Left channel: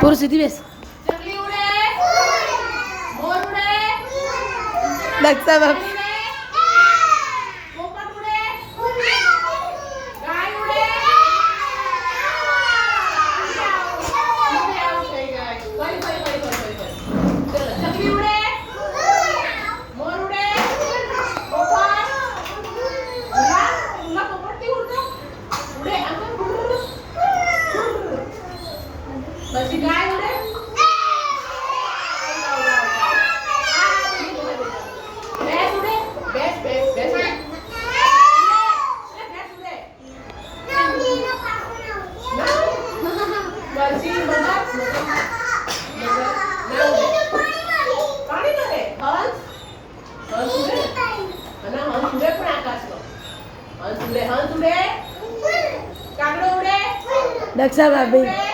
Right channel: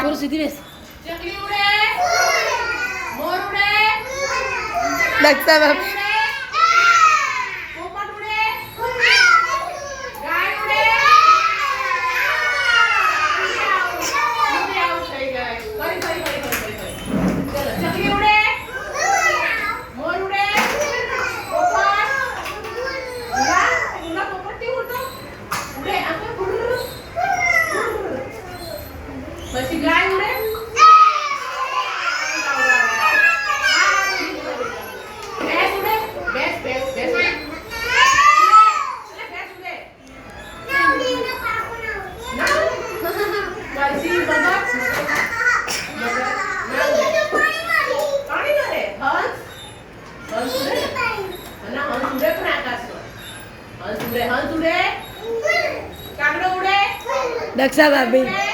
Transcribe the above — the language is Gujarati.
પૂરું સીધી બેસ. ચકલી ઉડે, મોર ઉડે, દક્ષા બાપ. પોપટ ઉડે, ગાય ઉડે. આવું થઈ જાય. ફરી. ચલો, ચકલી ઉડે, મોર ઉડે, પોપટ. ઉડા પોપટથી ઉડતો. ઉડે આમ પછી ગાય ઉડે. ભેંસ ઉડે. ભેંસ ઉડે. ભેંસ ઉડે. પછી બતક. પાણી કરે. હંસ ઉડે. અને હંસ ઉડે પણ આકાશમાં. હંસ ઉડે. કાગડો ઉડે. દક્ષા ભાભી.